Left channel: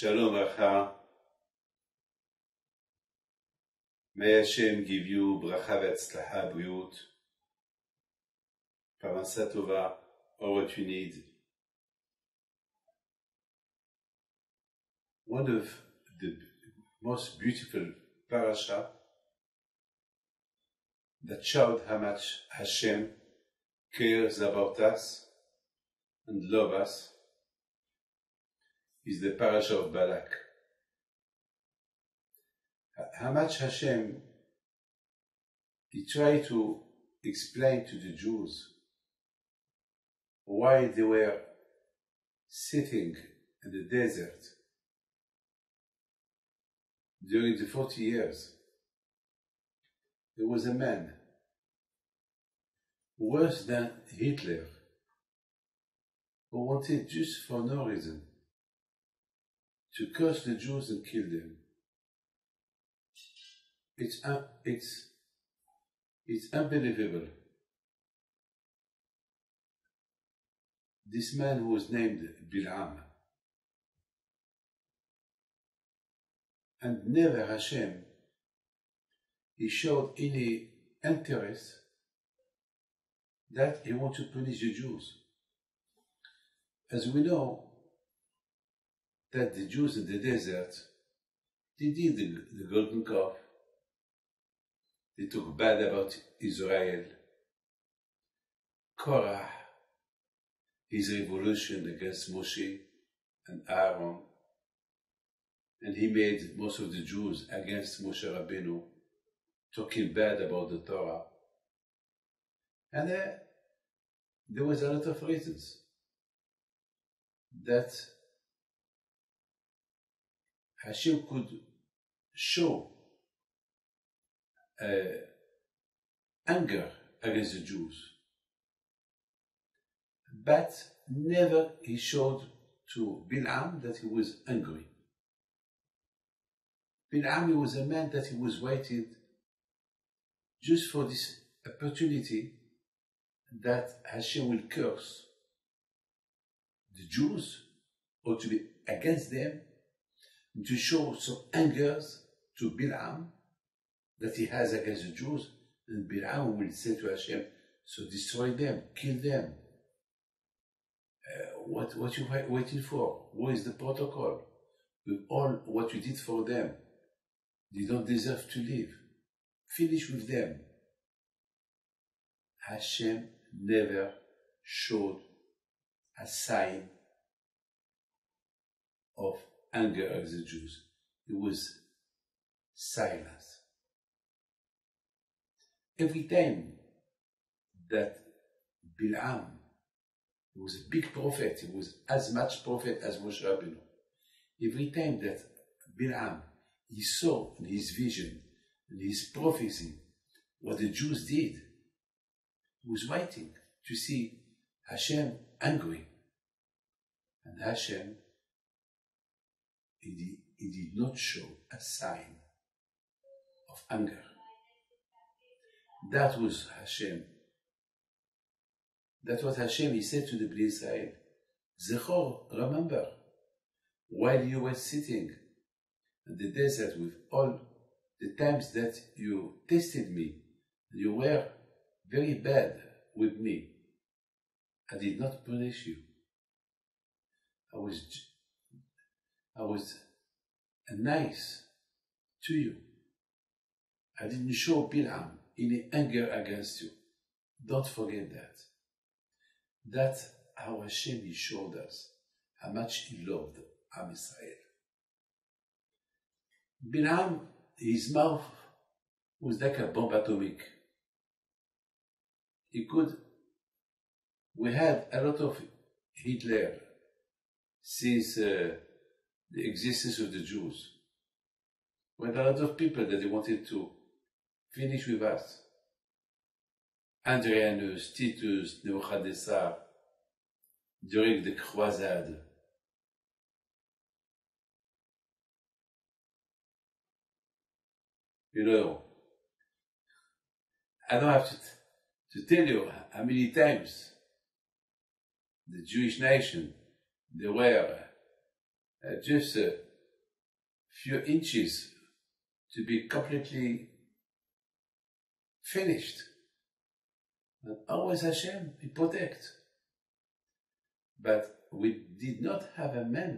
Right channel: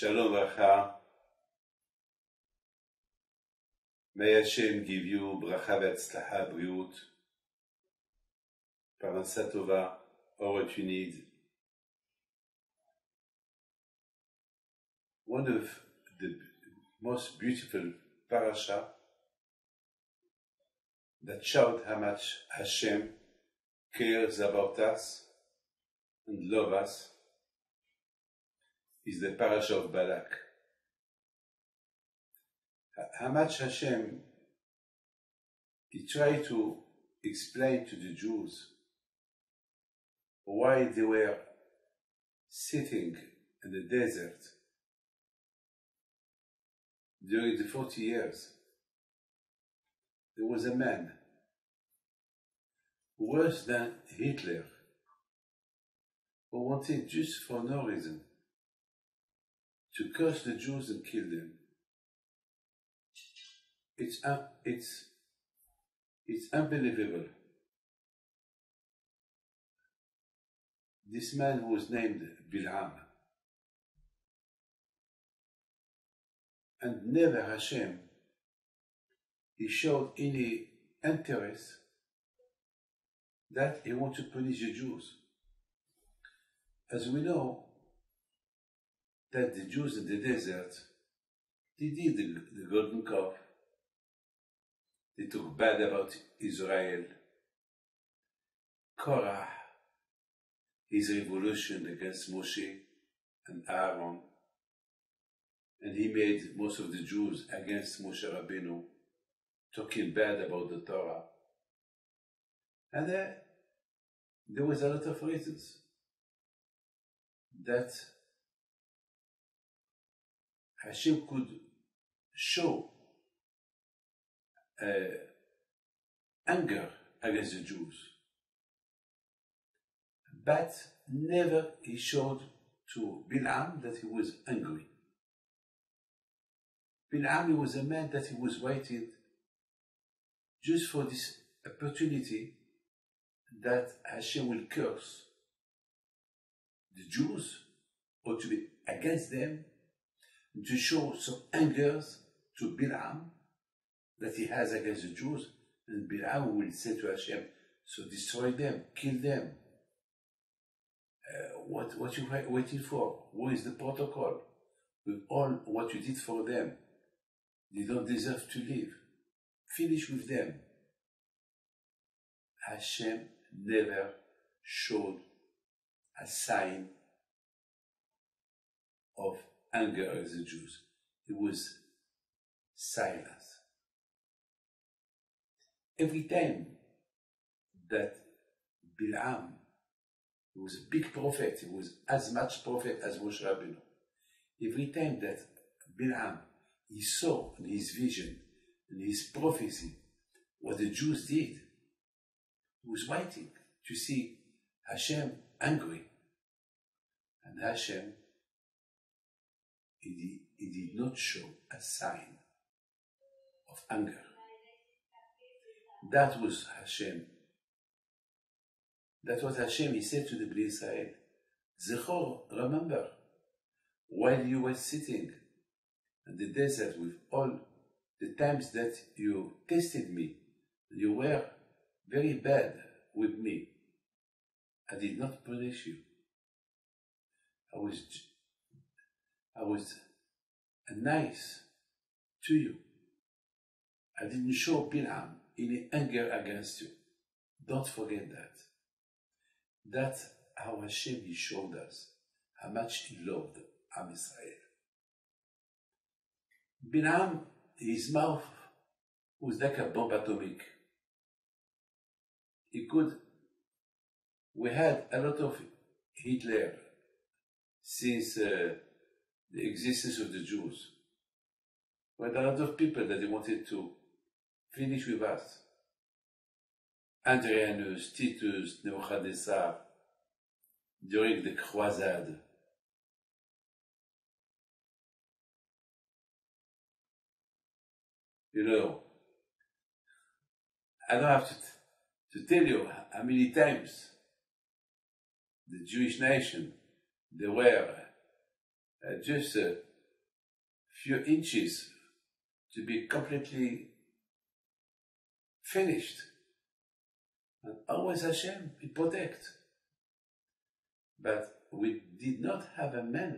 Shalom Bracha. May Hashem give you bracha v'atzlacha, briut, parnasa tova, all what you need. One of the most beautiful parasha that showed how much Hashem cares about us and loves us is the parasha of Balak. How much Hashem, he tried to explain to the Jews why they were sitting in the desert during the 40 years. There was a man worse than Hitler who wanted just for no reason to curse the Jews and kill them. It's unbelievable. This man was named Bil'am, and never Hashem, he showed any interest that he wanted to punish the Jews. As we know, that the Jews in the desert, they did the golden calf. They talk bad about Israel. Korah, his revolution against Moshe and Aaron, and he made most of the Jews against Moshe Rabbeinu, talking bad about the Torah. And there was a lot of reasons that Hashem could show anger against the Jews, but never he showed to Bil'am that he was angry. Bil'am was a man that he was waiting just for this opportunity that Hashem will curse the Jews or to be against them, to show some anger to Bil'am that he has against the Jews, and Bil'am will say to Hashem, so destroy them, kill them. What you waiting for? What is the protocol? With all what you did for them, they don't deserve to live. Finish with them. Hashem never showed a sign of anger against the Jews. It was silence. Every time that Bil'am, he was a big prophet, he was as much prophet as Moshe Rabbeinu. Every time that Bil'am, he saw in his vision, in his prophecy, what the Jews did, he was waiting to see Hashem angry. And Hashem, he did not show a sign of anger. That was Hashem. That's what Hashem, he said to the Bnei Israel. Zechor, remember, while you were sitting in the desert with all the times that you tested me, you were very bad with me. I did not punish you. I was nice to you. I didn't show Bil'am any anger against you. Don't forget that. That's how Hashem, he showed us how much he loved Am Israel. Bil'am, his mouth was like a bomb atomic. We had a lot of Hitler since the existence of the Jews. We had a lot of people that they wanted to finish with us. Adrianus, Titus, Nebuchadnezzar, during the Crusade. You know, I don't have to tell you how many times the Jewish nation, they were just few inches to be completely finished. And always Hashem will protect. But we did not have a man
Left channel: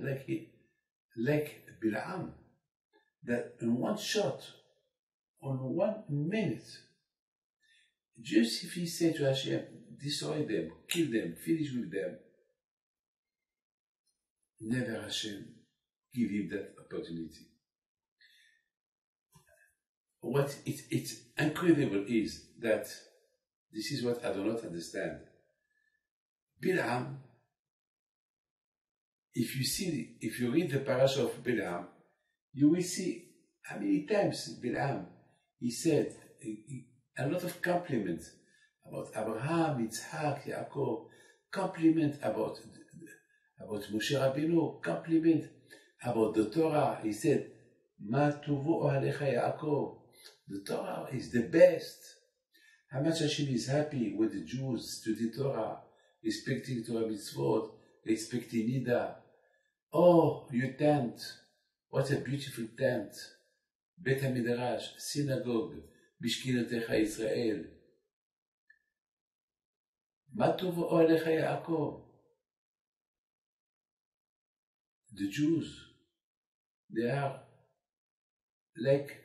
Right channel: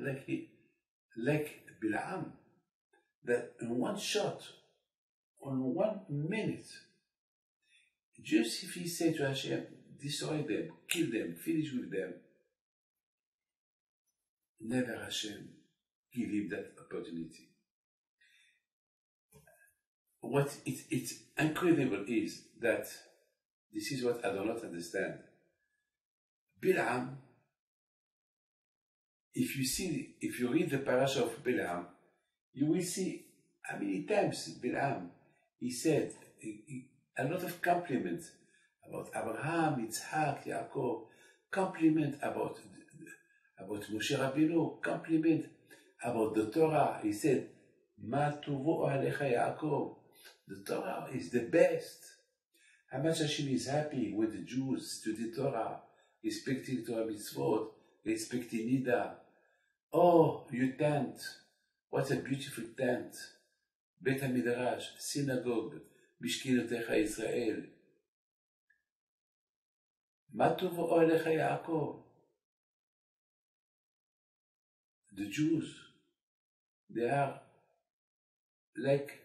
like Bilam, that in one shot, on 1 minute, just if he said to Hashem, destroy them, kill them, finish with them, never Hashem give him that opportunity. What it's incredible is that this is what I do not understand. Bilam, if you read the parasha of Bilam, you will see how many times Bilam, he said a lot of compliments about Abraham, Yitzhak, Yaakov, compliment about Moshe Rabbeinu, compliment about the Torah. He said, Ma tuvo alecha Yaakov. The Torah is the best. How much Hashem is happy when the Jews study Torah, respecting Torah mitzvot, respecting Nida. Oh, your tent, what a beautiful tent. Beit HaMidrash, synagogue, Bishkinotecha Israel. Ma tuvo alecha Yaakov. The Jews, they are like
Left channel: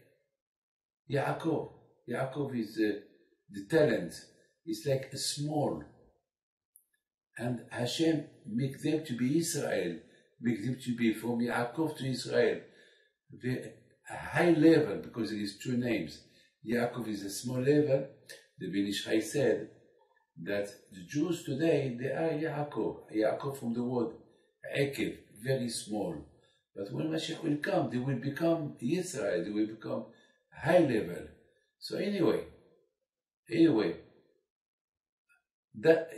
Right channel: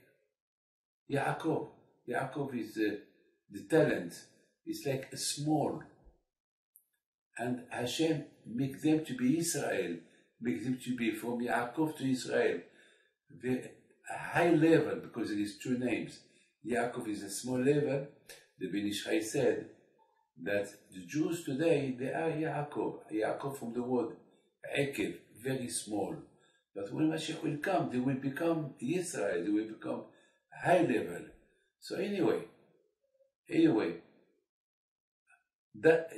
Yaakov. Yaakov is the talent. It's like a small. And Hashem make them to be Israel, make them to be from Yaakov to Israel. A high level, because it is two names. Yaakov is a small level. The Ben Ish Chai said that the Jews today, they are Yaakov. Yaakov from the word Ekev, very small. But when Mashiach will come, they will become Israel, they will become high level. So anyway, that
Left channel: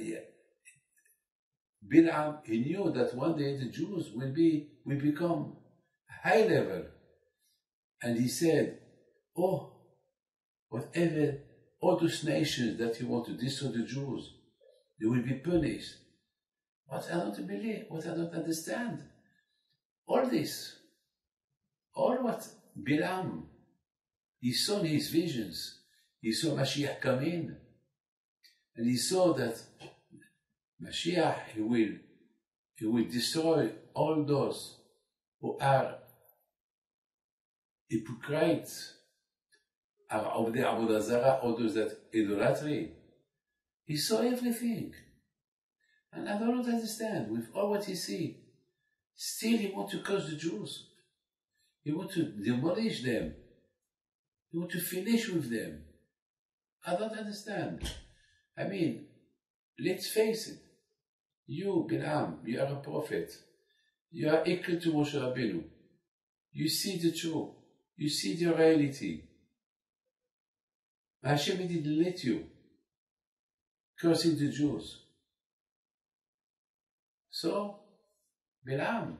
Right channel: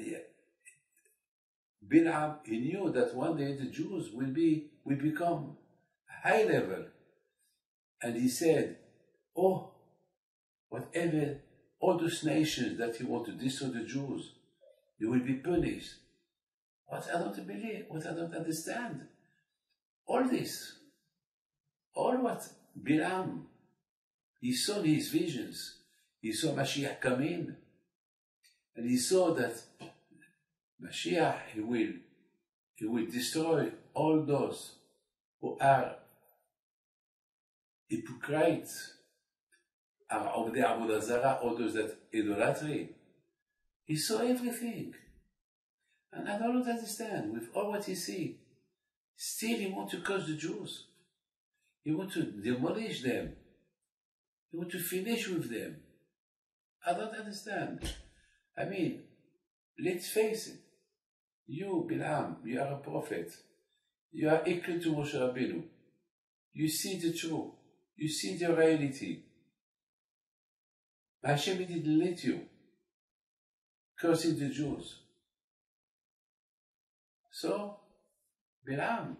Bilam, he knew that one day the Jews will become high level. And he said, oh, whatever, all those nations that you want to destroy the Jews, they will be punished. What I don't believe, what I don't understand. All this, all what Bilam, he saw in his visions, he saw Mashiach come in, and he saw that Mashiach, he will destroy all those who are hypocrites, are the Avodah Zarah, all those that idolatry. He saw everything. And I don't understand, with all what he see, still he wants to curse the Jews. He wants to demolish them. He wants to finish with them. I don't understand. I mean, let's face it. You, Bilam, you are a prophet. You are equal to Moshe Rabbeinu. You see the truth. You see the reality. Hashem didn't let you cursing the Jews. So, Bilam,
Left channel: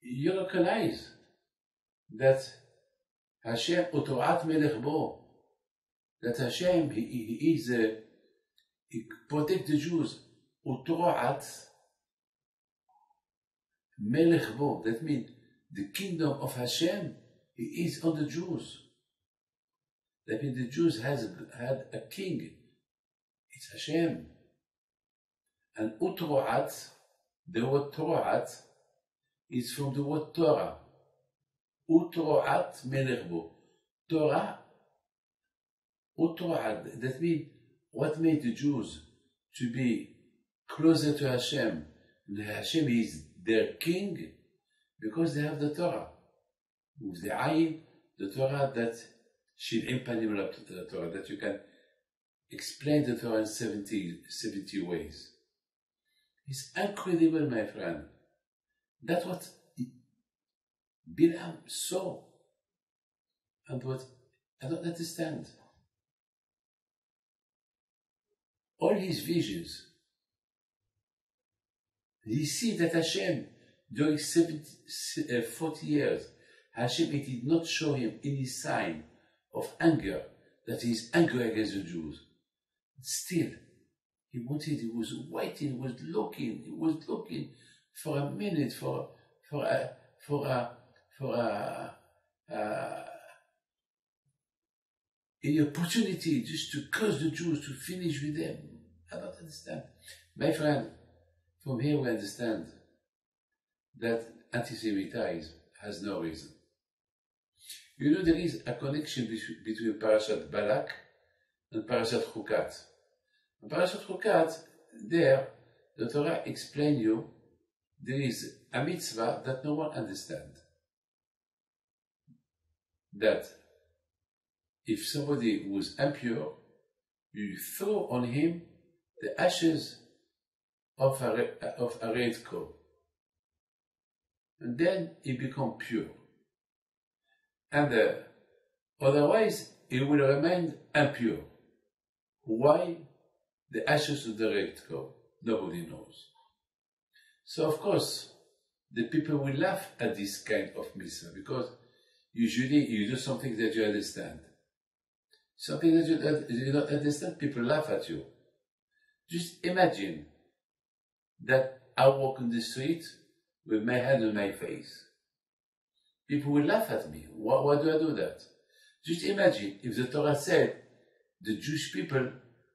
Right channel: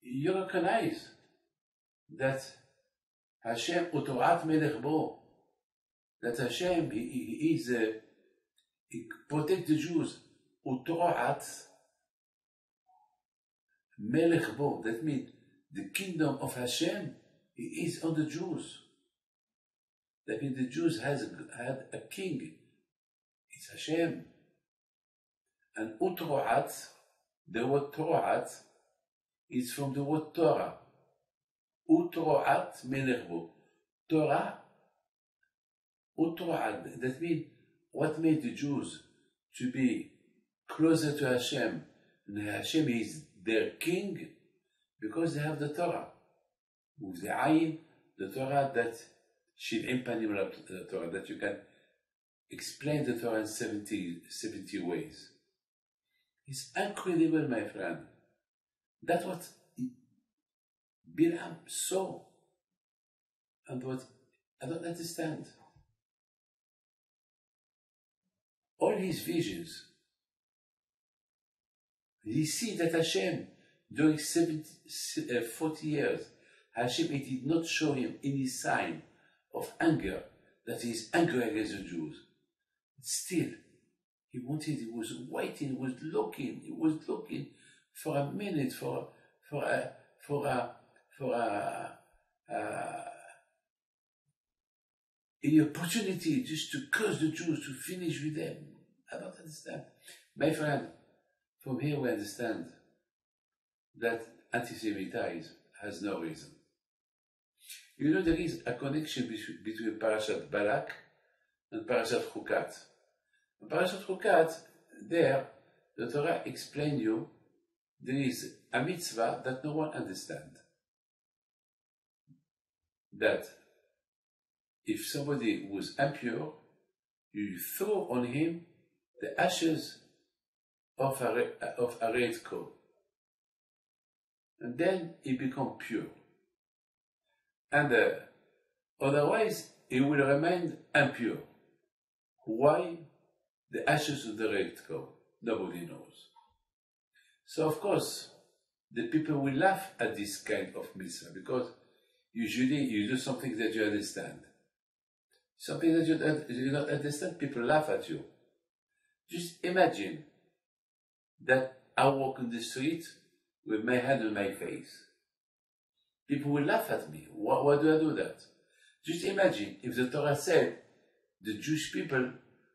you recognize that Hashem utorat melech bo, that Hashem he protect the Jews. Utorat melech bo, that means the kingdom of Hashem is on the Jews. That means the Jews had a king. It's Hashem. And utroat, the word troat, is from the word Torah. Utroat melech bo. Torah, utroat, that means what made the Jews to be closer to Hashem. And Hashem is their king because they have the Torah. With the ayin, the Torah that shiv'im panim the Torah, that you can explain the Torah in 70 ways. It's incredible, my friend. That's what Bilam saw. And what I don't understand. All his visions, he see that Hashem, during 40 years, Hashem, it did not show him any sign of anger, that he is angry against the Jews. Still, he was waiting, he was looking for a minute, for for a, for a, for a, an opportunity just to curse the Jews, to finish with them. I don't understand. My friend, from here we understand that anti-Semitism has no reason. You know, there is a connection between Parashat Balak and Parashat Chukat. In Parashat Chukat, there, the Torah explains you there is a mitzvah that no one understands. That if somebody was impure, you throw on him the ashes of a red coat. And then he becomes pure. And otherwise, he will remain impure. Why? The ashes of the red coat. Nobody knows. So, of course, the people will laugh at this kind of mitzvah because usually you do something that you understand. Something that you don't understand, people laugh at you. Just imagine that I walk in the street with my hand on my face. People will laugh at me. Why do I do that? Just imagine if the Torah said the Jewish people,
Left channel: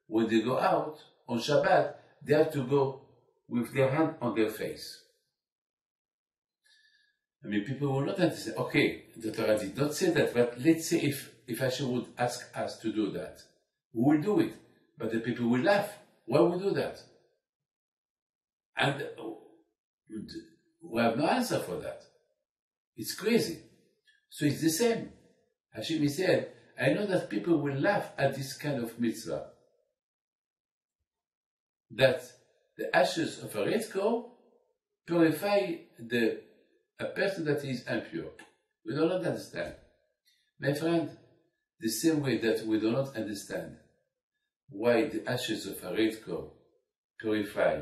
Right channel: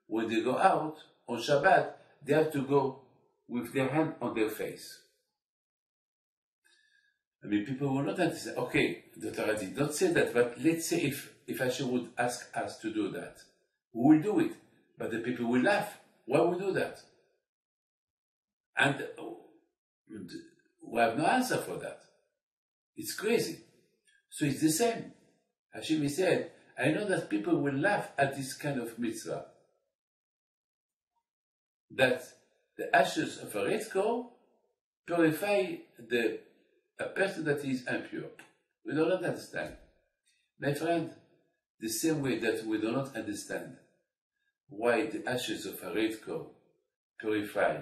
when they go out on Shabbat, they have to go with their hand on their face. I mean, people will not understand. Okay, the Torah did not say that, but let's say if Hashem would ask us to do that, we will do it. But the people will laugh. Why would we do that? And we have no answer for that. It's crazy. So it's the same. Hashem said, I know that people will laugh at this kind of mitzvah. That the ashes of a red coat purify a person that is impure. We do not understand. My friend, the same way that we do not understand why the ashes of a red coat purify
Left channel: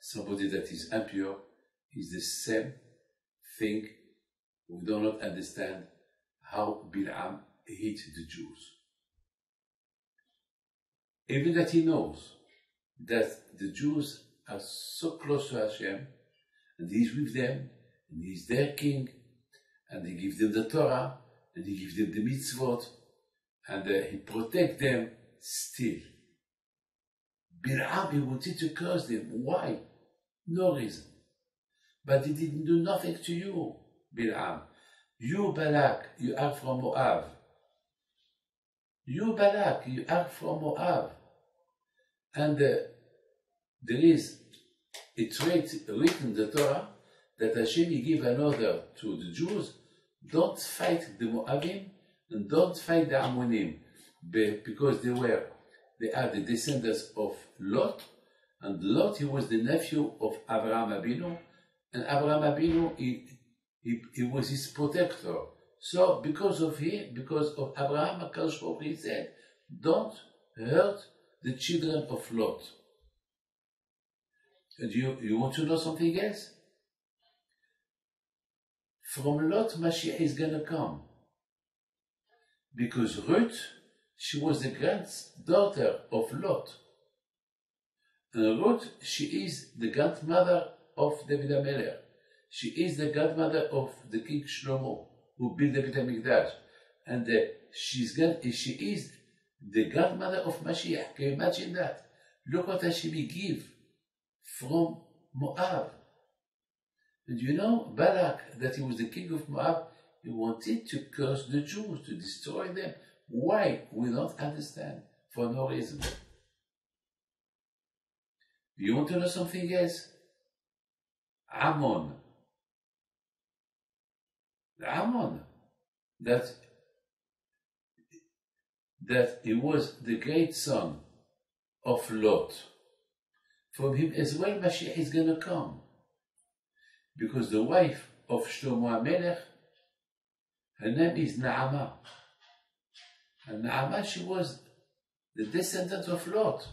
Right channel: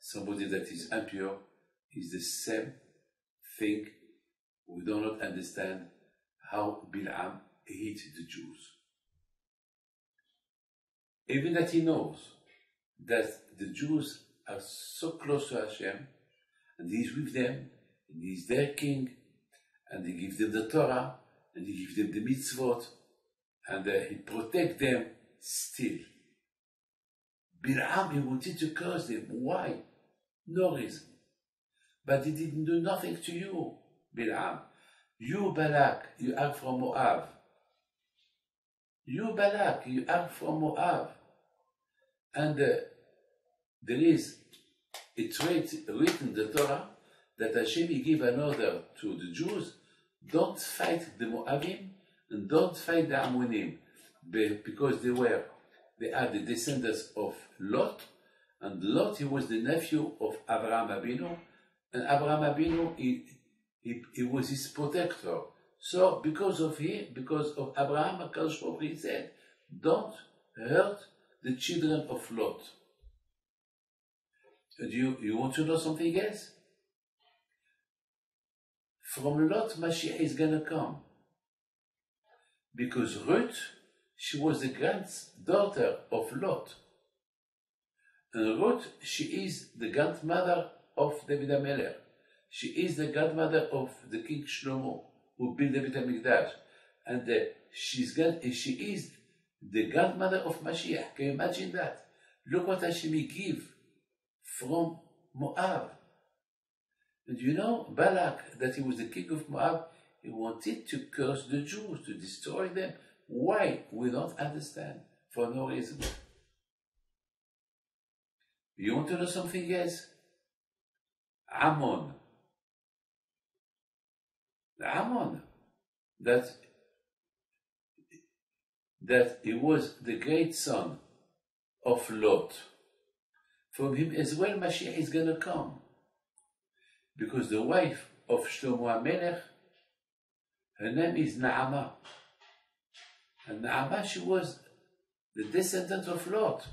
somebody that is impure is the same thing. We do not understand how Bilam hates the Jews. Even that he knows that the Jews are so close to Hashem, and he is with them, and he is their king, and he gives them the Torah, and he gives them the mitzvot, and he protects them still. Bilam, he wanted to curse them. Why? No reason. But he didn't do nothing to you, Bilam. You, Balak, you are from Moab. You, Balak, you are from Moab. And there is a trait written in the Torah that Hashem gave an order to the Jews, don't fight the Moabim and don't fight the Ammonim, because they are the descendants of Lot, and Lot, he was the nephew of Abraham Abinu, and Abraham Abinu, he was his protector. So because of Abraham, HaKadosh Baruch Hu said, don't hurt the children of Lot. And you want to know something else? From Lot, Mashiach is going to come. Because Ruth, she was the granddaughter of Lot. And Ruth, she is the grandmother of David HaMelech. She is the grandmother of the King Shlomo, who built the Beit HaMikdash. And she is the grandmother of Mashiach. Can you imagine that? Look what Hashem gave from Moab. And you know, Balak, that he was the king of Moab, he wanted to curse the Jews, to destroy them. Why? We don't understand. For no reason. You want to know something else? Ammon. Ammon. That he was the great son of Lot. From him as well, Mashiach is going to come. Because the wife of Shlomo HaMelech, her name is Naamah. And Naamah, she was the descendant of Lot.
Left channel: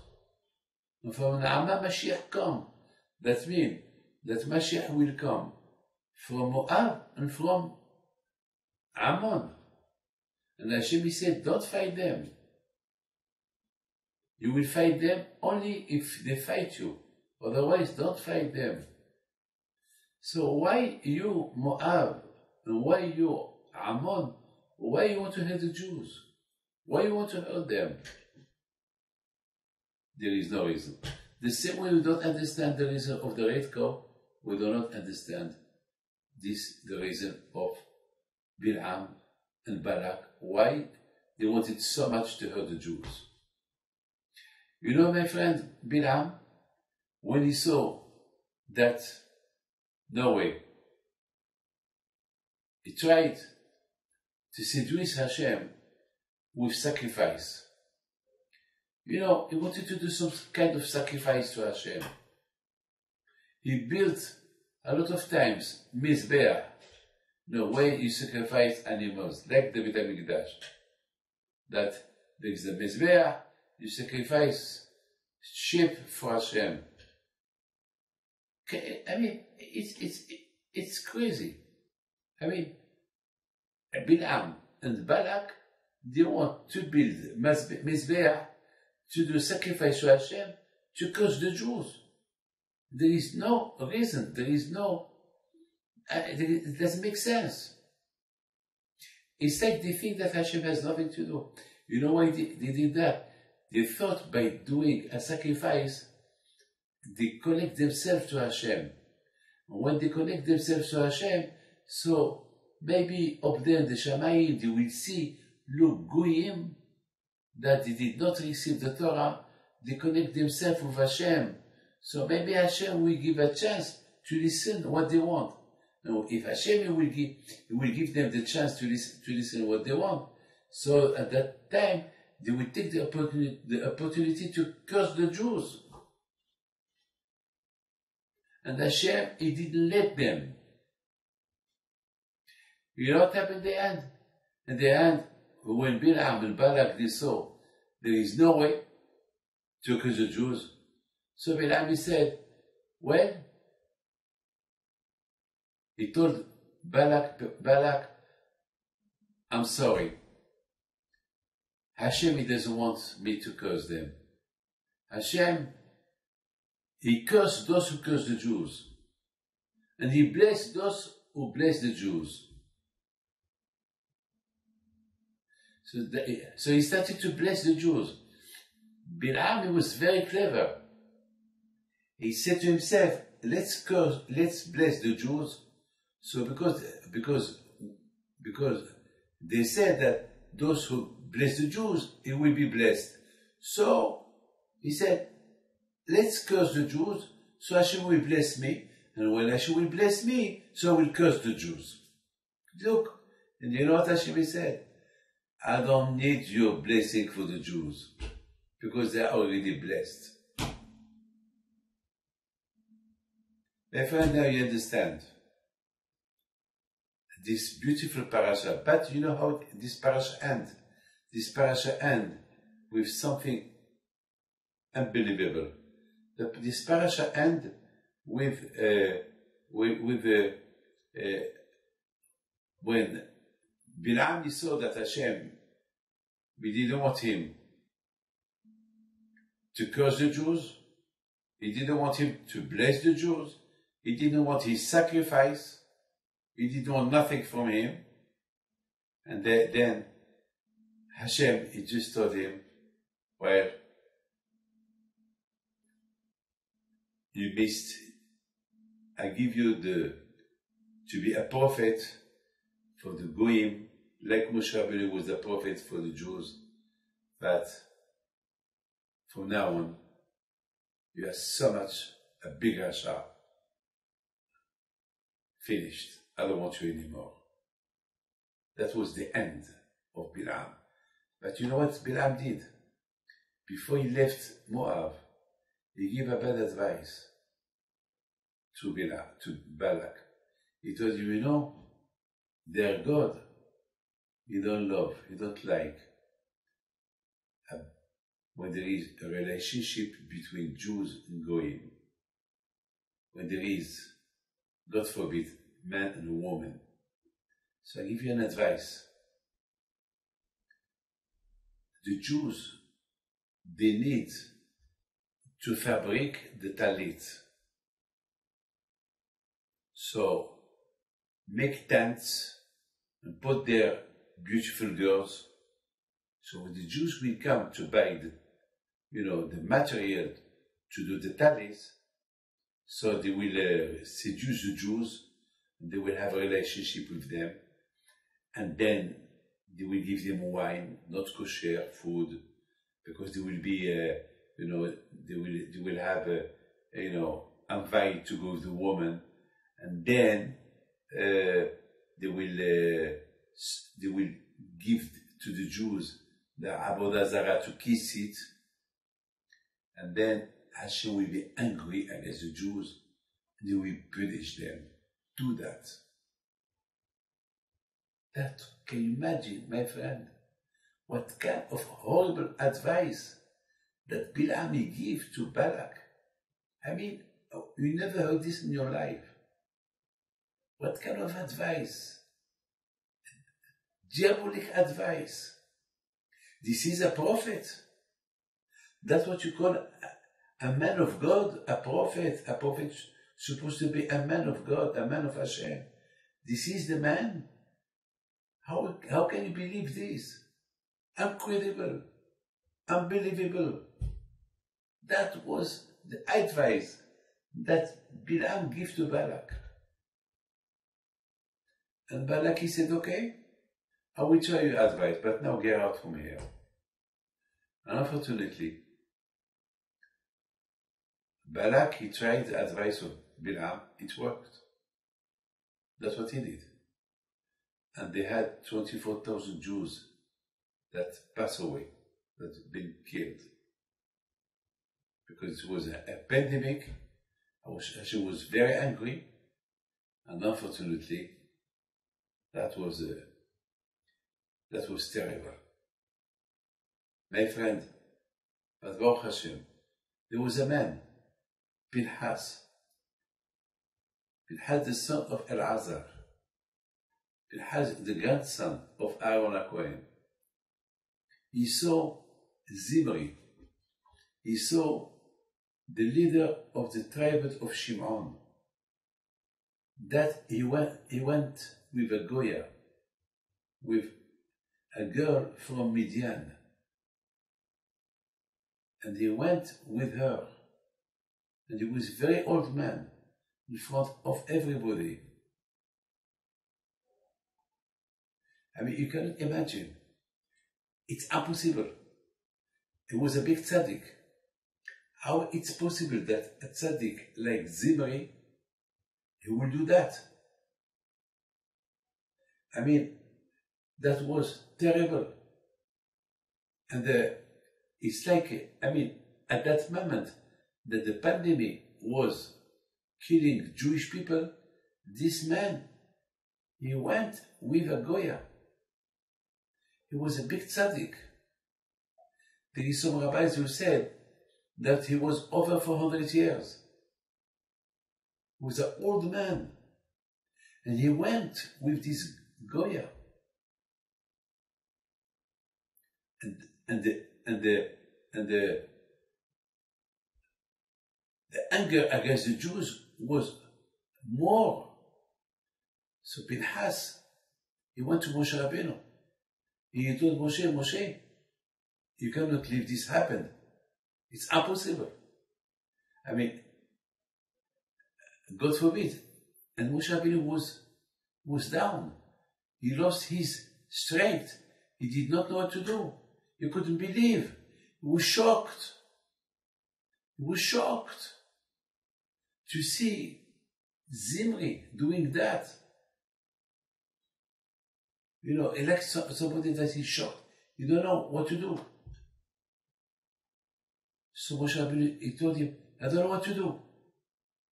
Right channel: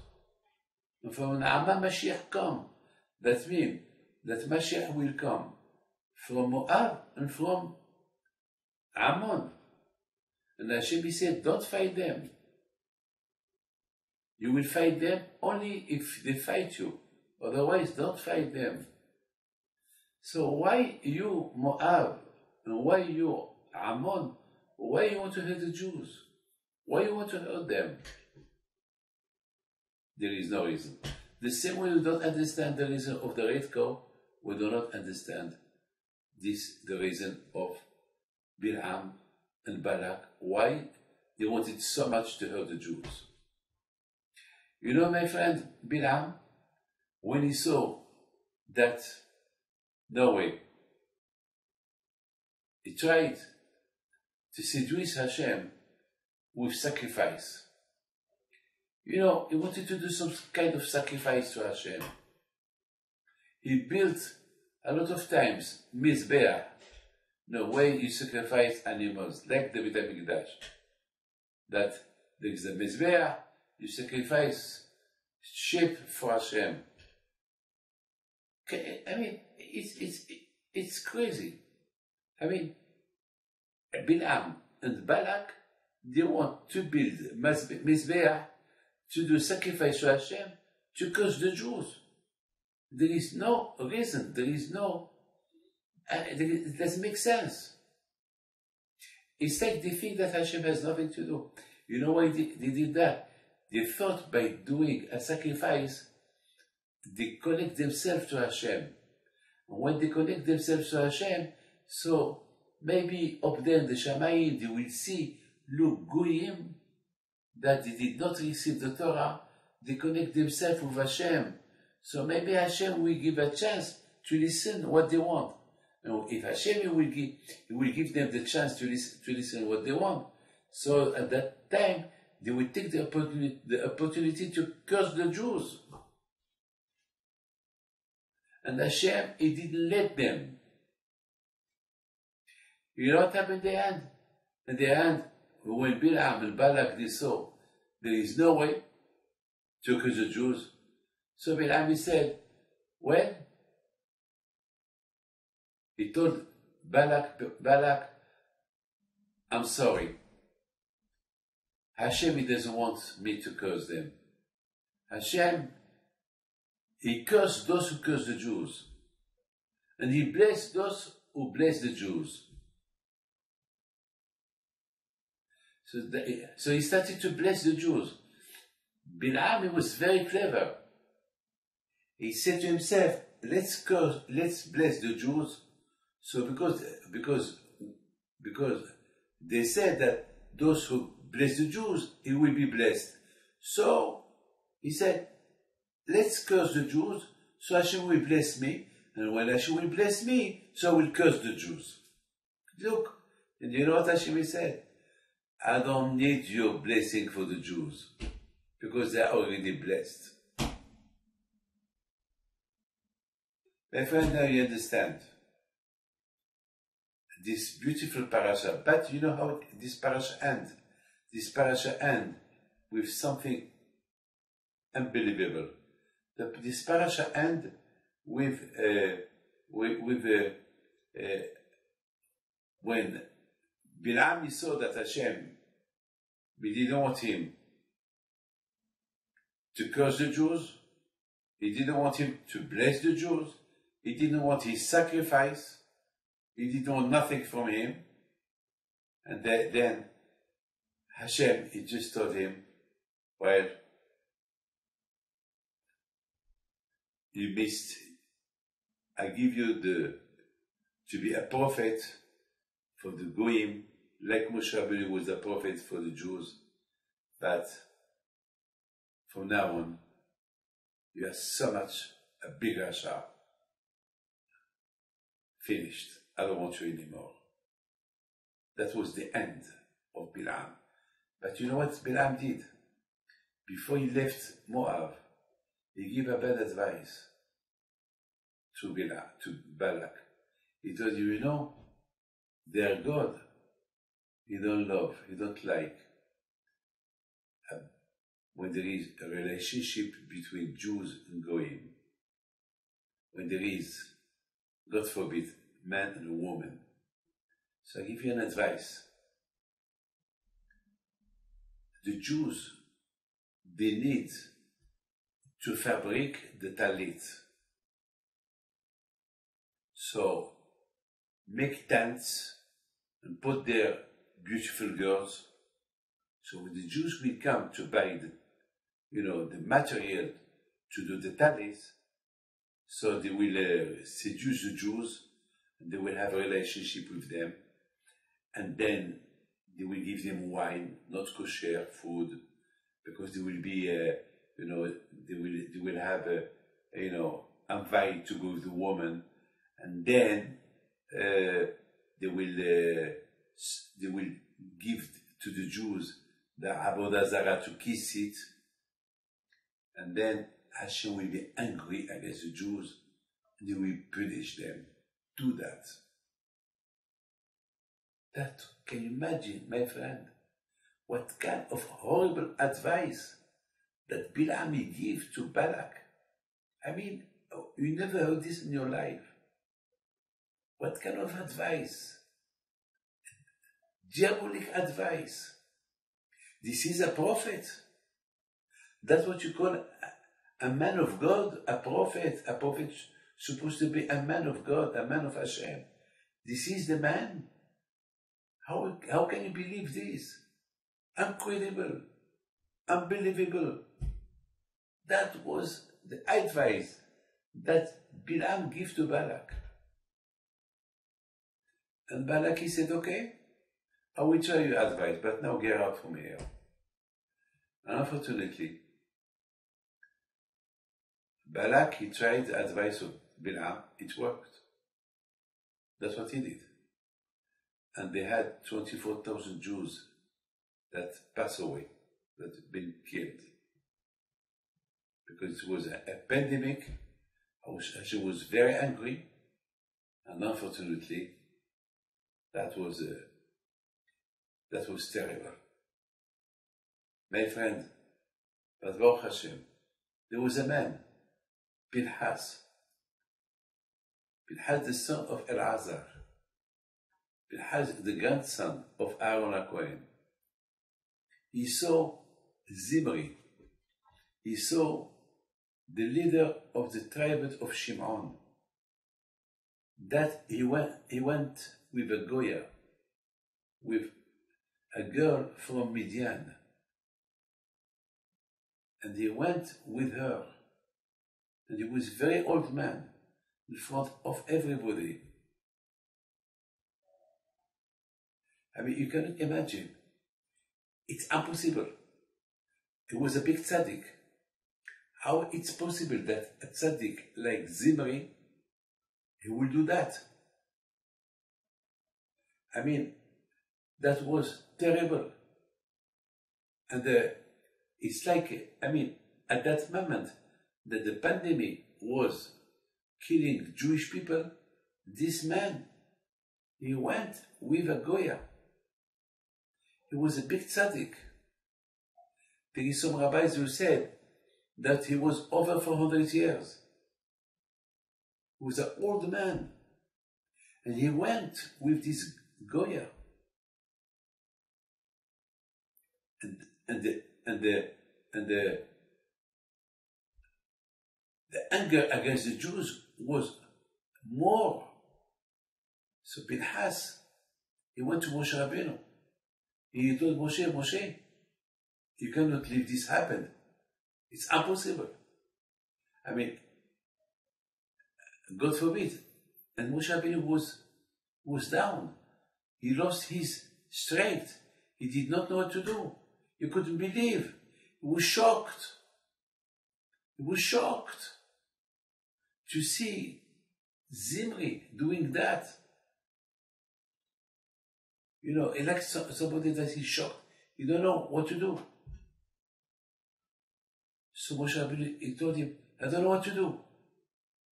And from Naamah, Mashiach come. That means that Mashiach will come from Moab and from Ammon. And Hashem said, don't fight them. You will fight them only if they fight you. Otherwise, don't fight them. So why you, Moab, and why you, Ammon, why you want to hurt the Jews? Why you want to hurt them? There is no reason. The same way we don't understand the reason of the Red Cow, we do not understand the reason of Bil'am and Balak, why they wanted so much to hurt the Jews. You know, my friend, Bil'am, when he saw that, no way, he tried to seduce Hashem with sacrifice. You know, he wanted to do some kind of sacrifice to Hashem. He built a lot of times Mizbeah, the way you sacrifice animals, like the Beit HaMikdash. That there is a Mizbeah, you sacrifice sheep for Hashem. I mean, it's crazy. I mean, Bil'am and Balak, they want to build Mizbeah to do sacrifice to Hashem to curse the Jews. There is no reason, there is no, it doesn't make sense. It's like they think that Hashem has nothing to do. You know why they did that? They thought by doing a sacrifice, they connect themselves to Hashem. And when they connect themselves to Hashem, so maybe up there in the Shamayim, they will see, look, Goyim, that they did not receive the Torah, they connect themselves with Hashem. So maybe Hashem will give a chance to listen what they want. And if Hashem will give them the chance to listen what they want. So at that time, they will take the opportunity to curse the Jews. And Hashem, He didn't let them. You know what happened in the end? In the end, when Bil'am and Balak they saw there is no way to curse the Jews, so Bil'am said, well, he told Balak, I'm sorry. Hashem, He doesn't want me to curse them. Hashem, He cursed those who curse the Jews. And He blessed those who bless the Jews. So he started to bless the Jews. Bil'am was very clever. He said to himself, let's bless the Jews. So because they said that those who bless the Jews, it will be blessed. So he said, let's curse the Jews, so Hashem will bless me. And when Hashem will bless me, so I will curse the Jews. Look, and you know what Hashem said? I don't need your blessing for the Jews, because they are already blessed. My friend, now you understand this beautiful parasha. But you know how this parasha ends? This parasha ends with something unbelievable. This parasha ends with when Bil'am saw that Hashem, we didn't want him to curse the Jews, he didn't want him to bless the Jews, he didn't want his sacrifice, he didn't want nothing from him. And then Hashem, he just told him, well, you missed, I give you to be a prophet for the Goyim, like Moshe Rabbeinu was a prophet for the Jews, but from now on, you are so much a big Rasha. Finished. I don't want you anymore. That was the end of Bil'am. But you know what Bil'am did? Before he left Moab, he gave a bad advice to Balak. He told you, you know, their God, He don't love, He don't like. When there is a relationship between Jews and Goyim, when there is, God forbid, man and a woman. So I give you an advice. The Jews, they need to fabric the talit. So make tents and put there beautiful girls. So the Jews will come to buy the material to do the talis. So they will seduce the Jews, and they will have a relationship with them, and then they will give them wine, not kosher food, because they will be, they will have, invite to go with the woman, and then they will give to the Jews the Avodah Zarah to kiss it, and then Hashem will be angry against the Jews, and he will punish them. Do that. That, can you imagine, my friend, what kind of horrible advice that Bilam gave to Balak? I mean, you never heard this in your life. What kind of advice? Diabolic advice. This is a prophet. That's what you call a man of God, a prophet. A prophet supposed to be a man of God, a man of Hashem. This is the man. How can you believe this? Incredible, unbelievable. That was the advice that Bilam gave to Balak. And Balak, he said, okay, I will try your advice, but now get out from here. And unfortunately, Balak, he tried the advice of Bilam, it worked. That's what he did. And they had 24,000 Jews that passed away, that had been killed. Because it was a pandemic, Hashem was very angry, and unfortunately, that was terrible. My friend, but Baruch Hashem, there was a man, Pinchas, the son of Elazar, Pinchas, the grandson of Aaron HaKohen. He saw Zimri. He saw the leader of the tribe of Shimon. That he went with a Goya, with a girl from Midian. And he went with her. And he was a very old man in front of everybody. I mean, you cannot imagine. It's impossible. He was a big tzaddik. How it's possible that a tzaddik like Zimri, he will do that? I mean, that was terrible. And it's like, I mean, at that moment that the pandemic was killing Jewish people, this man, he went with a Goya. He was a big tzaddik. There is some rabbis who said that he was over 400 years. He was an old man. And he went with this Goya. And the anger against the Jews was more. So Pinchas, he went to Moshe Rabbeinu. He told Moshe, you cannot leave this happen. It's impossible. I mean, God forbid. And Moshe Rabbeinu was down. He lost his strength. He did not know what to do. He couldn't believe. He was shocked. He was shocked to see Zimri doing that. You know, like somebody that is shocked. You don't know what to do. So Moshe Rabbeinu, he told him, I don't know what to do.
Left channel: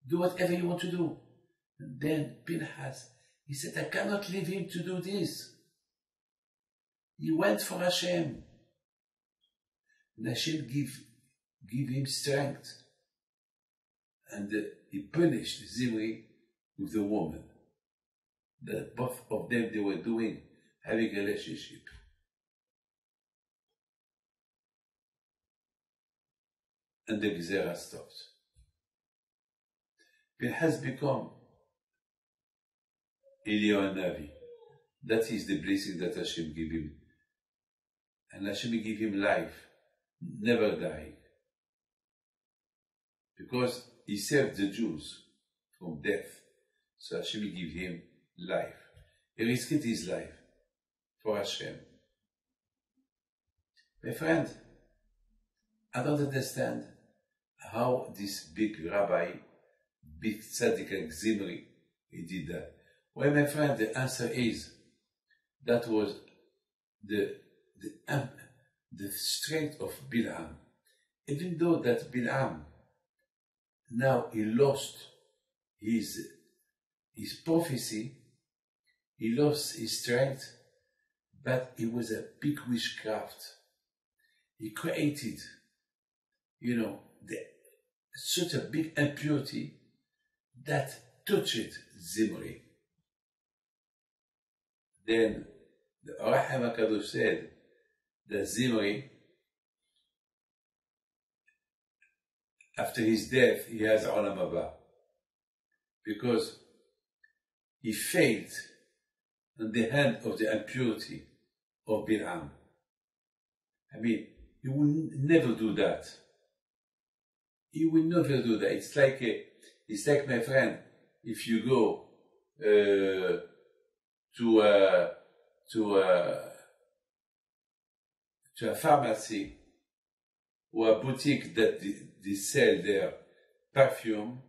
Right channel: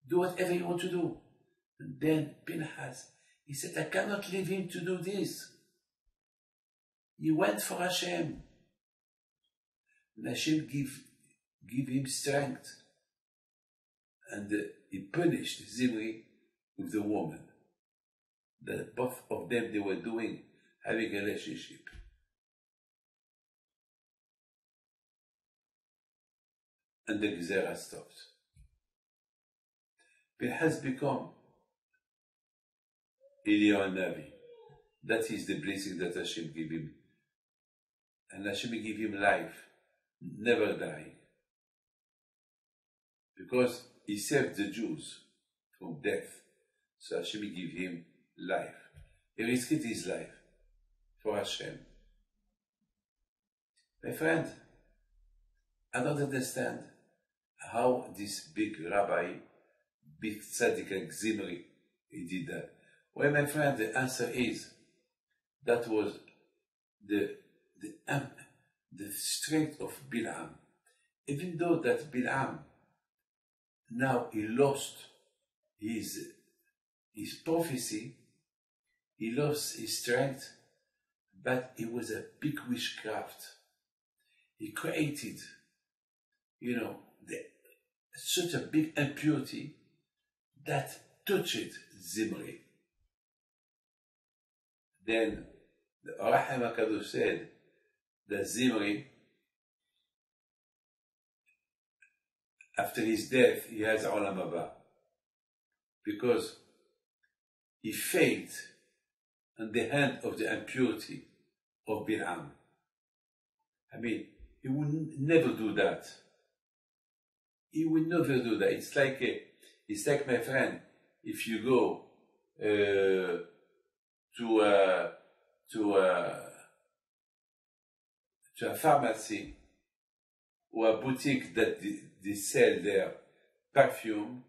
Do whatever you want to do. And then Pinchas, he said, I cannot leave him to do this. He went for Hashem. And Hashem give him strength. And he punished Zimri with the woman. That both of them, they were doing, having a relationship. And the Gezerah stopped. Pinchas become Eliyahu Navi. That is the blessing that Hashem gave him. And Hashem gave him life, never die. Because he saved the Jews from death. So Hashem gave him life. He risked his life for Hashem. My friend, I don't understand how this big rabbi, big tzaddik like Zimri, he did that. Well, my friend, the answer is that was the strength of Bil'am. Even though that Bil'am, now he lost his prophecy, he lost his strength, but it was a big witchcraft. He created, such a big impurity that touched Zimri. Then the Or HaChaim HaKadosh said that Zimri, after his death, he has Olam Haba, because he failed on the hand of the impurity of Bil'am. I mean, he will never do that. He will never do that. It's like, my friend, if you go to a pharmacy or a boutique that they sell their perfume,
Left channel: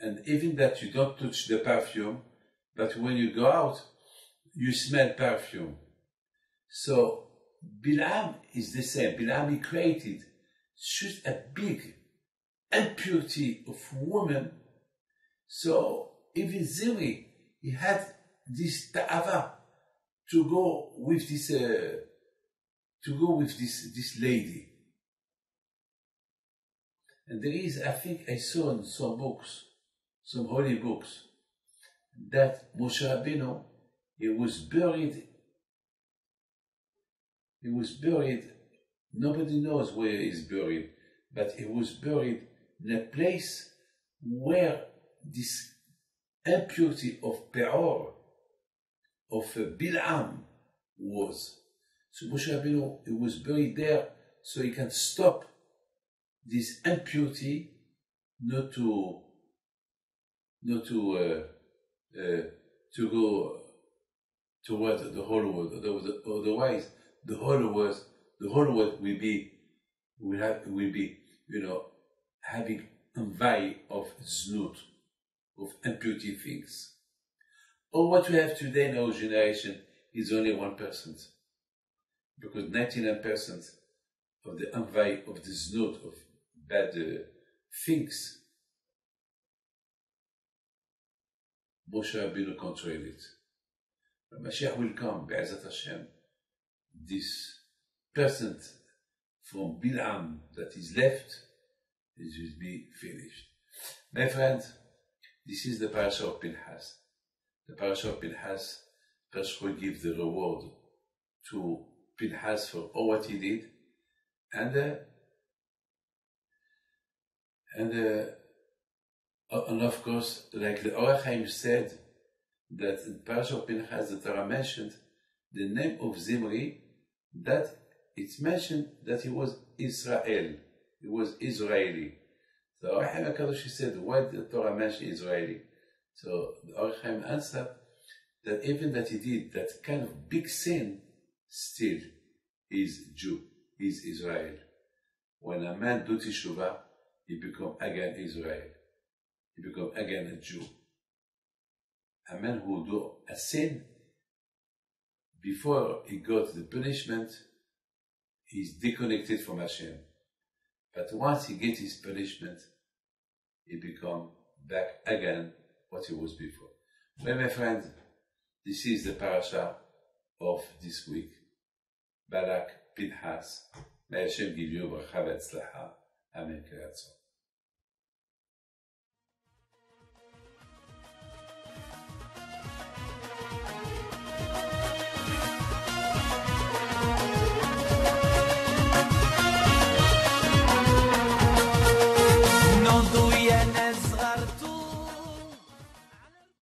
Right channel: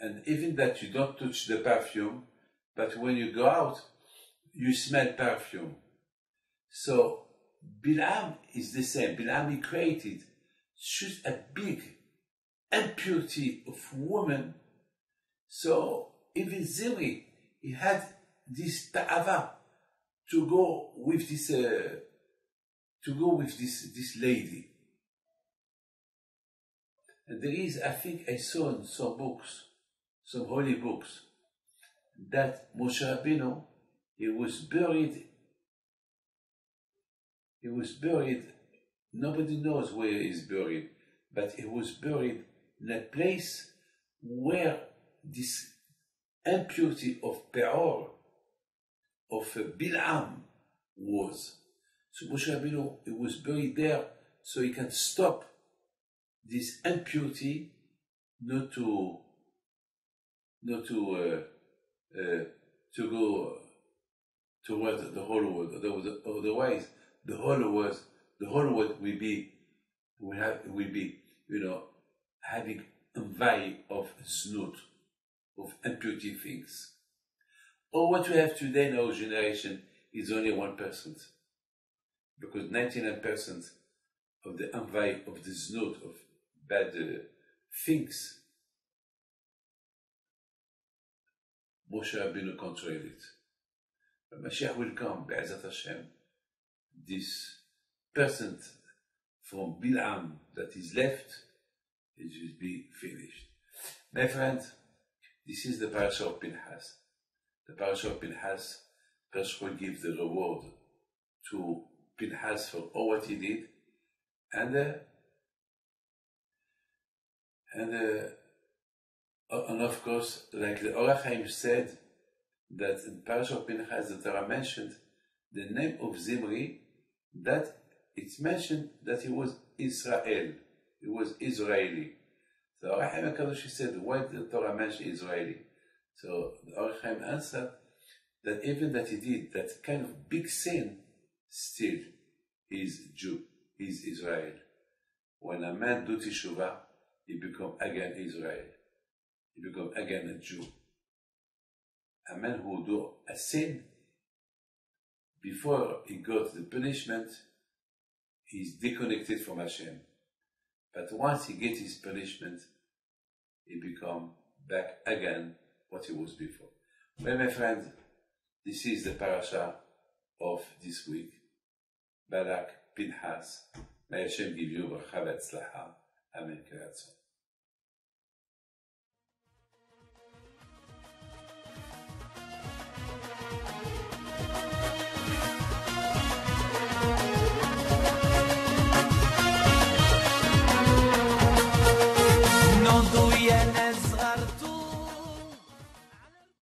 and even that you don't touch the perfume, but when you go out, you smell perfume. So Bil'am is the same. Bil'am, he created such a big impurity of woman. So even Zimri, he had this ta'ava to go with this lady. And there is, I think I saw in some books, some holy books, that Moshe Rabbeinu, he was buried, nobody knows where he is buried, but he was buried in a place where this impurity of Peor, of Bil'am was. So Moshe Rabbeinu, he was buried there so he can stop this impurity not to go toward the whole world. Otherwise, the whole world will be, having envy of znut, of impurity things. Or what we have today in our generation is only 1%, because 99% of the envy of the znut, of bad things, Moshe Rabbeinu controlled it. But Mashiach will come, Be'ezat Hashem. This percent from Bil'am that is left, it will be finished. My friend, this is the parasha of Pinchas. The parasha of Pinchas, Pastor gives the reward to Pinchas for all what he did, and of course, like the Or HaChaim said, that in parasha of Pinchas, the Torah mentioned the name of Zimri, that it's mentioned that he was Israel, he was Israeli. So Or HaChaim HaKadosh said, why did the Torah mention Israeli? So the Or HaChaim answered that even that he did that kind of big sin, still he is Jew, he is Israel. When a man do teshuvah, he become again Israel. He become again a Jew. A man who do a sin, before he got the punishment, he is disconnected from Hashem. But once he gets his punishment, he become back again what he was before. Well, my friend, this is the parasha of this week. Balak, Pinchas. May Hashem give you bracha v'atzlacha. Amen.